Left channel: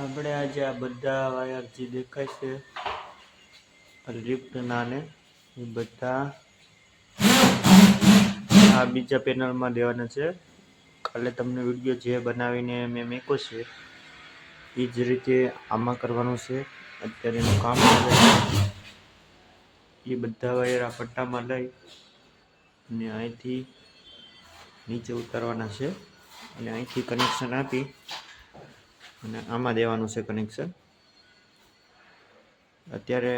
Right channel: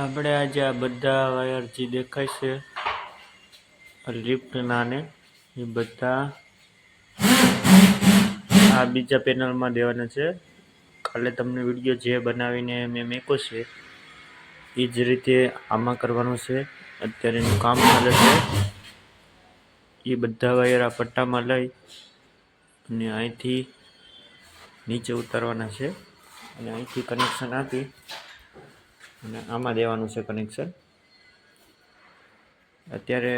આપણે આજે આ બધા વાયર જે દેખાય છે લિફ્ટના ને એ બધા આ બીજા પેનલમાં દેવાના છે. કાલે તમને વિડીયો જે બનાવીને મેં મૂક્યો છે એ જ રીતે આમાં કરવાનું છે. અત્યારે એનું કામ ચાલે છે. એ બધા વાયર આ પટ્ટામાં લઈ અને અહીંથી નીચે ઉતારવાના છે અને અહીંથી કનેક્શન આપી અને આમાં દેવાનું છે કનેક્શન. અત્યારે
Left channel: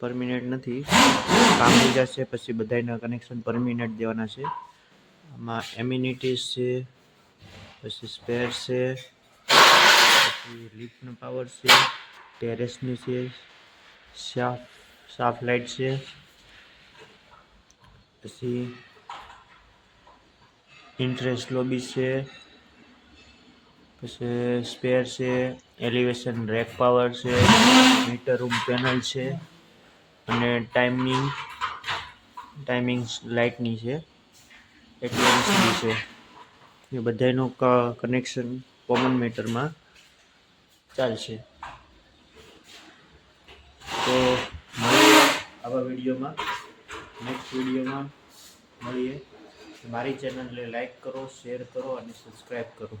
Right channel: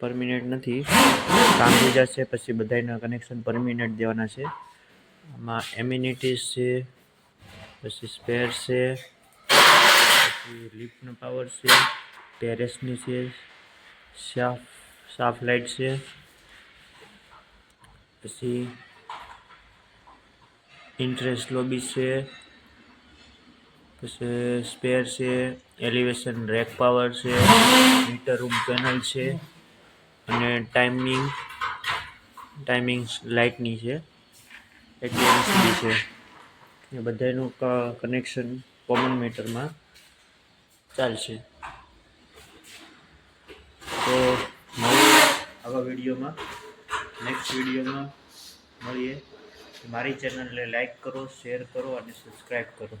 પરમિનેન્ટ નથી, કામ થઈ જશે પછી બધાના કનેક્શન પરમિનેન્ટ દેવાના છે. આમાં એમ્યુનિટીઝ છે, પછી સ્પેર છે, પછી લિફ્ટનો પાવર છે, ટેરેસની છે, સાફ લાઇટ છે, પછી ઇન્ટરેસ્ટ લોબી છે, પછી સ્પેર છે, એલિવેશન રેક પાવર છે, મીટર રૂમ પેનલ છે અને ટાઈમિંગ લાઇટની છે, એટલી એલસીડી છે. એ બધાનું કનેક્શન કોમન મીટરમાં ચાલશે. તો મળીએ આવા વિડીયોમાં. નેક્સ્ટ વિડીયોમાં મળીએ. મારી ચેનલને લાઈક કરો, શેર કરો અને સબસ્ક્રાઈબ કરો.